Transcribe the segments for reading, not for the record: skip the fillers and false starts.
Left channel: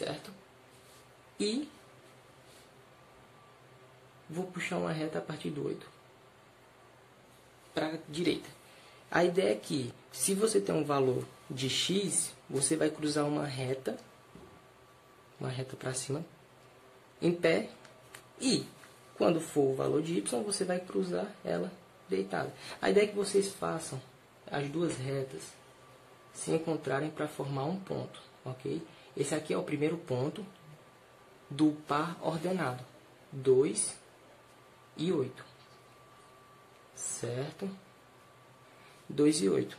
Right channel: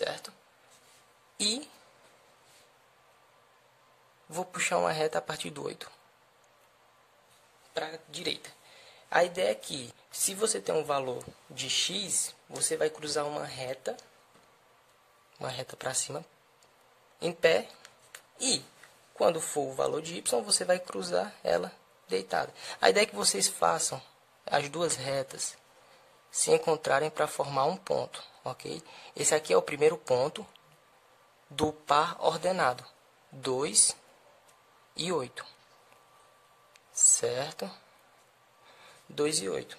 certo? E vou puxar uma reta a partir do 8 para a direita. A ideia é que, se você tem um valor de x, você vai cruzar uma reta para cima, em pé, e quando for o valor de y, você vai cruzar ela deitada. A ideia é que vocês façam as duas retas se encontrarem para formar um ponto, ok? Esse aqui é o primeiro ponto do par ordenado, 2 e 8, certo? 2 e 8.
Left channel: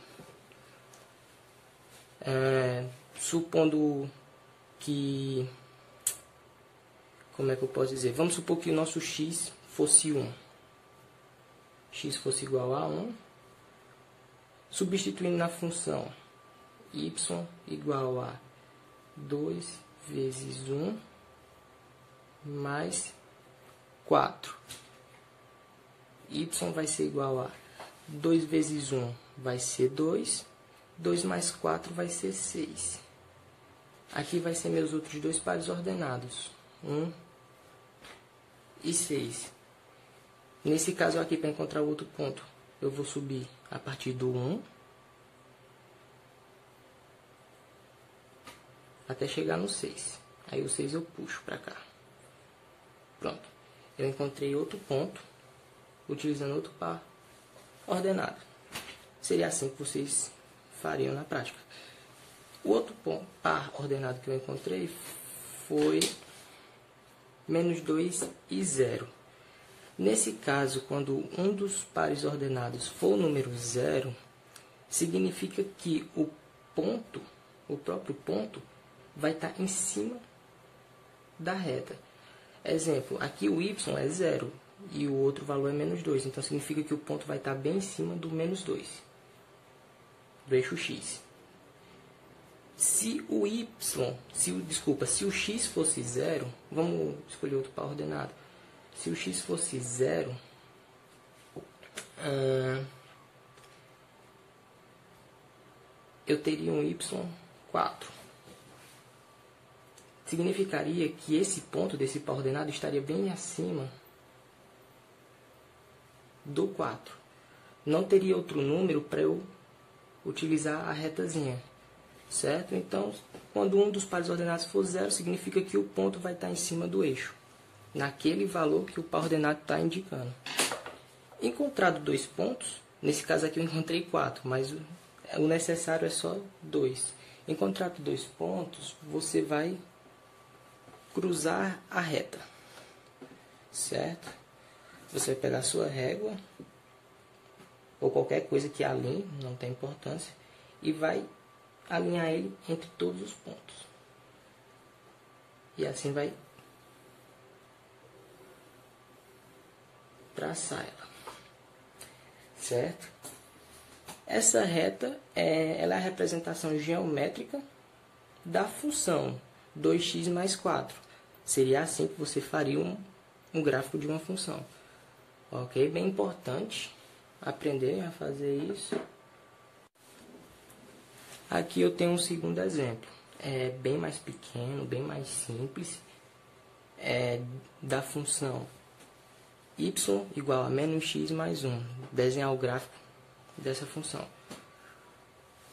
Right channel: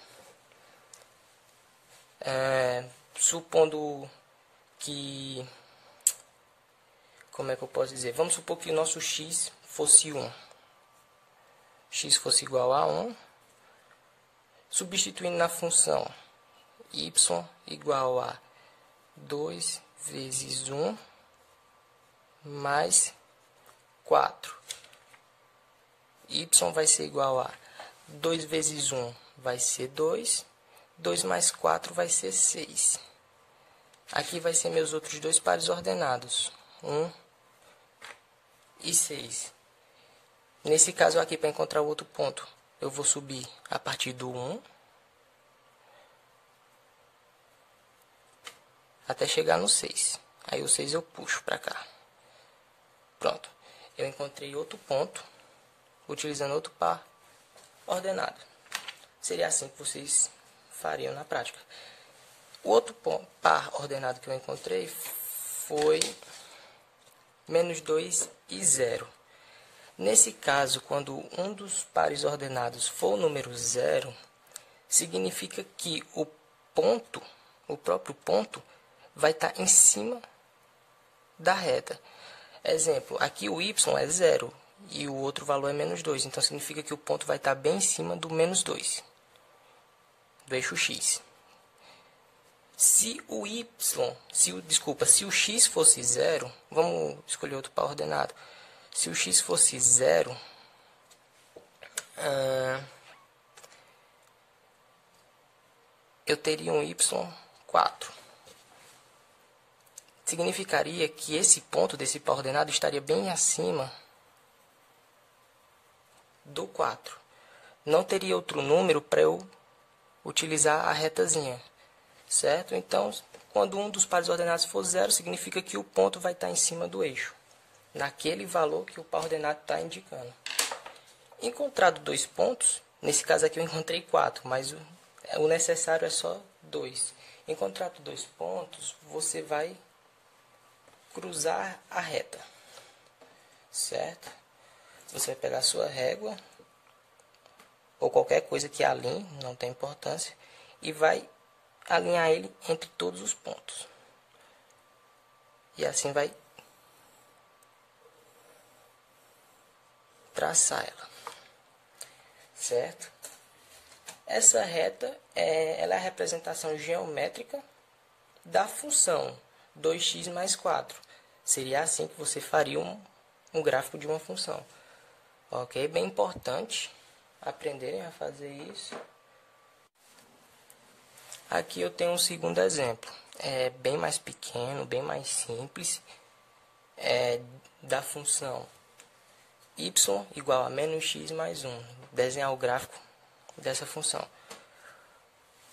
Supondo que... Como é que eu posso dizer? Vamos supor que o nosso x fosse 1. X fosse igual a 1. Substituindo na função y igual a 2 vezes 1 mais 4. Y vai ser igual a 2 vezes 1 vai ser 2. 2 mais 4 vai ser 6. Aqui vai ser meus outros dois pares ordenados. 1 e 6. Nesse caso aqui, para encontrar o outro ponto, eu vou subir a partir do 1 até chegar no 6. Aí o 6 eu puxo para cá. Pronto. Eu encontrei outro ponto utilizando outro par ordenado. Seria assim que vocês fariam na prática. O outro par ordenado que eu encontrei foi menos 2 e 0. Nesse caso, quando um dos pares ordenados for o número 0, significa que o próprio ponto, vai estar em cima da reta. Exemplo, aqui o y é 0 e o outro valor é menos 2. Então, significa que o ponto vai estar bem em cima do menos 2, do eixo x. Se o x fosse 0, vamos escolher outro par ordenado. Se o x fosse 0, eu teria um y 4. Significaria que esse ponto desse par ordenado estaria bem acima do 4. Não teria outro número para eu utilizar a retazinha, certo? Então, quando um dos pares ordenados for 0, significa que o ponto vai estar em cima do eixo, naquele valor que o par ordenado está indicando. Encontrado dois pontos, nesse caso aqui eu encontrei 4, mas o necessário é só 2. Encontrado dois pontos, você vai cruzar a reta, certo? Você vai pegar a sua régua, ou qualquer coisa que alinhe, não tem importância, e vai alinhar ele entre todos os pontos. E assim vai traçar ela, certo? Essa reta ela é a representação geométrica da função 2x mais 4. Seria assim que você faria um gráfico de uma função. Ok? Bem importante aprenderem a fazer isso. Aqui eu tenho um segundo exemplo. É bem mais pequeno, bem mais simples. Da função y igual a menos x mais 1. Desenhar o gráfico dessa função.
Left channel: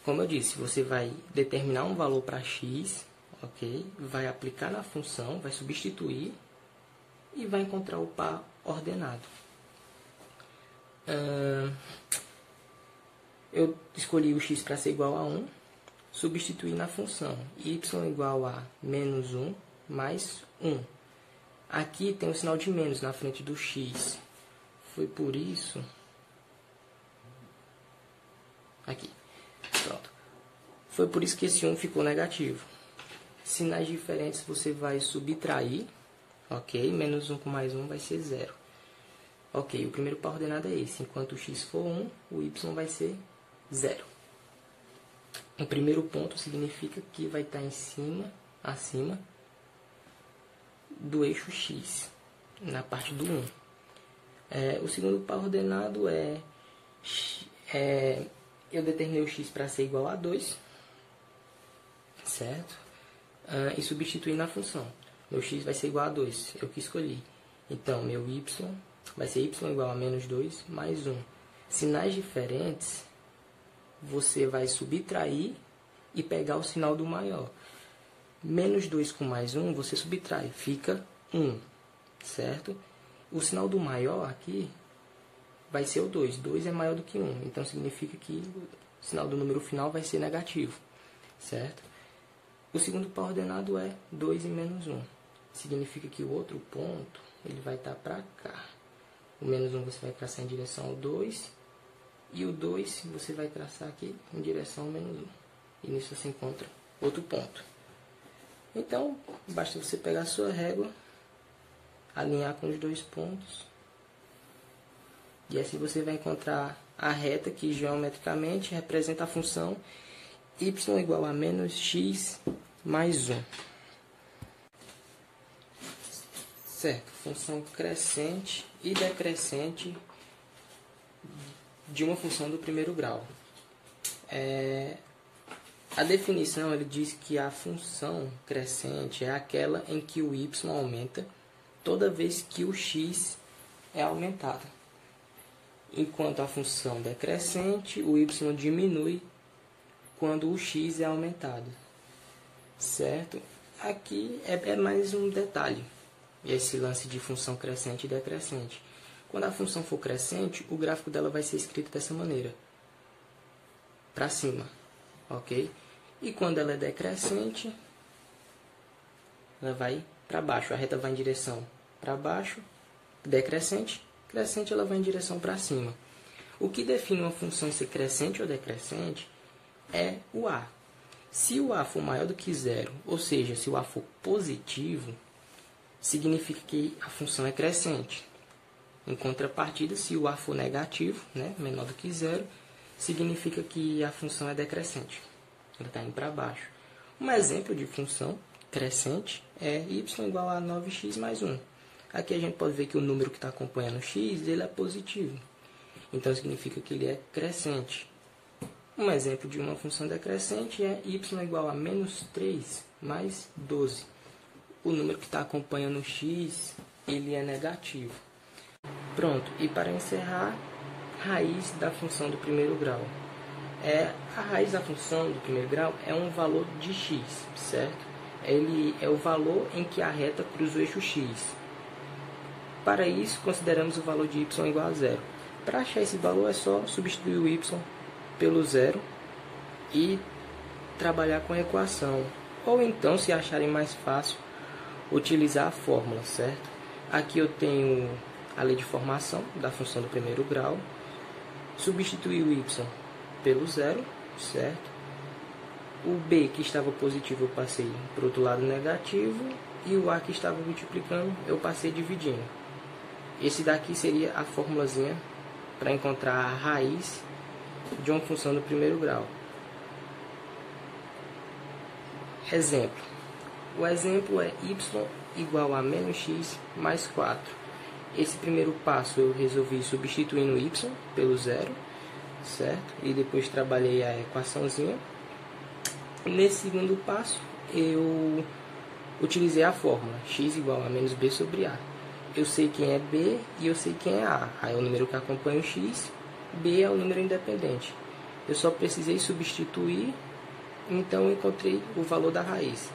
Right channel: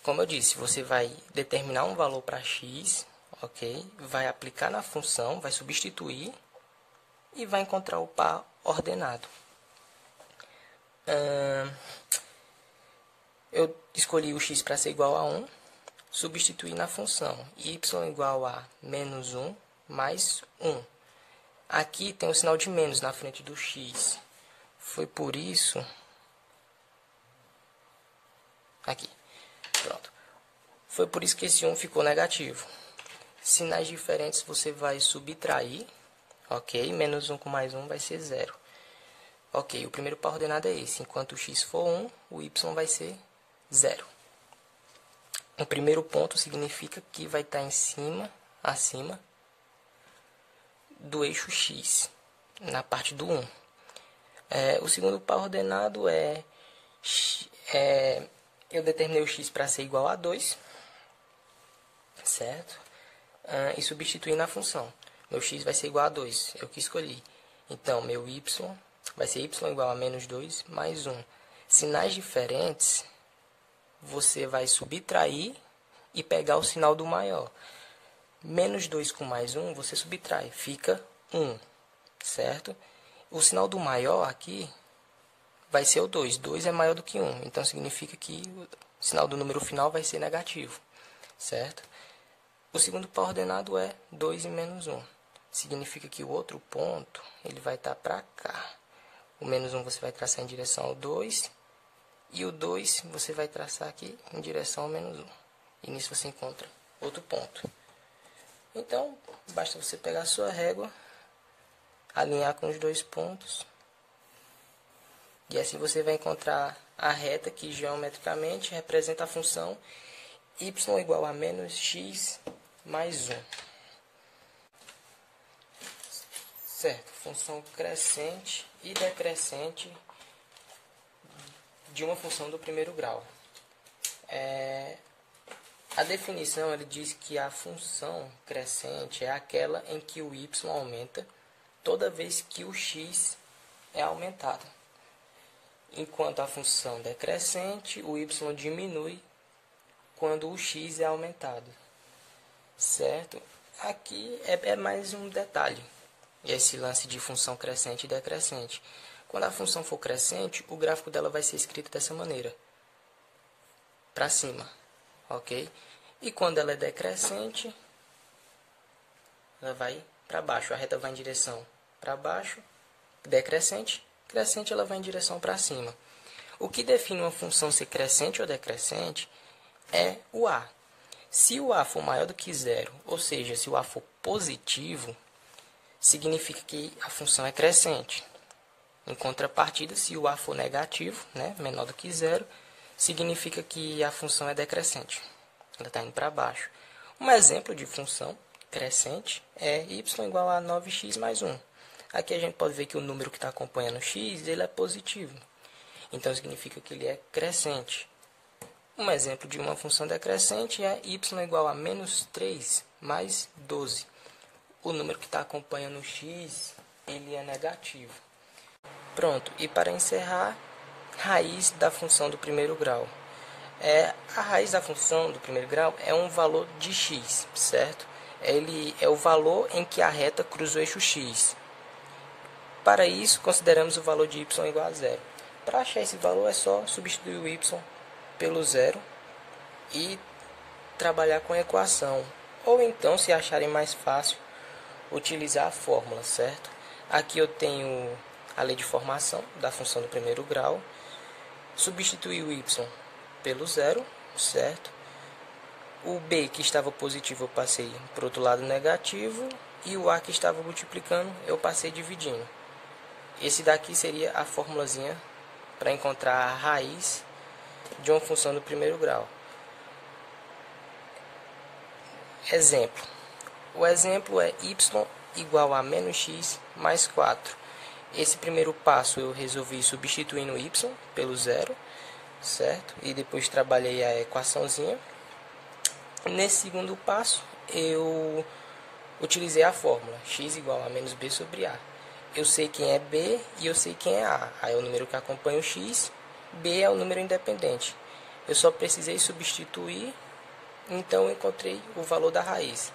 Como eu disse, você vai determinar um valor para x, ok? Vai aplicar na função, vai substituir e vai encontrar o par ordenado. Eu escolhi o x para ser igual a 1, substituir na função y igual a menos 1 mais 1. Aqui tem o sinal de menos na frente do x. Foi por isso... Aqui. Pronto. Foi por isso que esse 1 ficou negativo. Sinais diferentes você vai subtrair. Ok? Menos 1 com mais 1 vai ser 0. Ok, o primeiro par ordenado é esse. Enquanto o x for 1, o y vai ser 0. O primeiro ponto significa que vai estar acima do eixo x, na parte do 1. O segundo par ordenado eu determinei o x para ser igual a 2, certo? e substituir na função. Meu x vai ser igual a 2, eu que escolhi. Então, meu y vai ser y igual a menos 2 mais 1. Sinais diferentes, você vai subtrair e pegar o sinal do maior. Menos 2 com mais 1, você subtrai, fica 1, certo? O sinal do maior aqui vai ser o 2. 2 é maior do que 1, então significa que o sinal do número final vai ser negativo, certo? O segundo par ordenado é 2 e menos 1. Significa que o outro ponto ele vai estar para cá. O menos 1 você vai traçar em direção ao 2. E o 2 você vai traçar aqui em direção ao menos 1. E nisso você encontra outro ponto. Então, basta você pegar a sua régua, alinhar com os dois pontos. E assim você vai encontrar a reta que geometricamente representa a função y igual a menos x mais 1. Certo, função crescente e decrescente de uma função do primeiro grau. A definição ele diz que a função crescente é aquela em que o y aumenta toda vez que o x é aumentado, enquanto a função decrescente, o y diminui quando o x é aumentado, certo? Aqui é mais um detalhe, esse lance de função crescente e decrescente. Quando a função for crescente, o gráfico dela vai ser escrito dessa maneira, para cima, ok? E quando ela é decrescente, ela vai para baixo, a reta vai em direção para baixo, decrescente, crescente ela vai em direção para cima. O que define uma função ser crescente ou decrescente é o a. Se o a for maior do que zero, ou seja, se o a for positivo, significa que a função é crescente. Em contrapartida, se o a for negativo, menor do que zero, significa que a função é decrescente. Ela está indo para baixo. Um exemplo de função crescente é y igual a 9x mais 1. Aqui a gente pode ver que o número que está acompanhando o x ele é positivo. Então, significa que ele é crescente. Um exemplo de uma função decrescente é y igual a menos 3 mais 12. O número que está acompanhando o x ele é negativo. Pronto, e para encerrar, raiz da função do primeiro grau. A raiz da função do primeiro grau é um valor de x, certo? Ele é o valor em que a reta cruza o eixo x. Para isso, consideramos o valor de y igual a zero. Para achar esse valor, é só substituir o y pelo zero e trabalhar com a equação. Ou então, se acharem mais fácil, utilizar a fórmula, certo? Aqui eu tenho a lei de formação da função do primeiro grau. Substituir o y pelo zero, certo? O b que estava positivo eu passei para o outro lado negativo. E o a que estava multiplicando eu passei dividindo. Esse daqui seria a formulazinha para encontrar a raiz de uma função do primeiro grau. Exemplo. O exemplo é y igual a menos x mais 4. Esse primeiro passo eu resolvi substituindo y pelo zero, certo? E depois trabalhei a equaçãozinha. Nesse segundo passo, eu utilizei a fórmula x igual a menos b sobre a. Eu sei quem é b e eu sei quem é a. A é o número que acompanha o x, b é o número independente. Eu só precisei substituir, então eu encontrei o valor da raiz.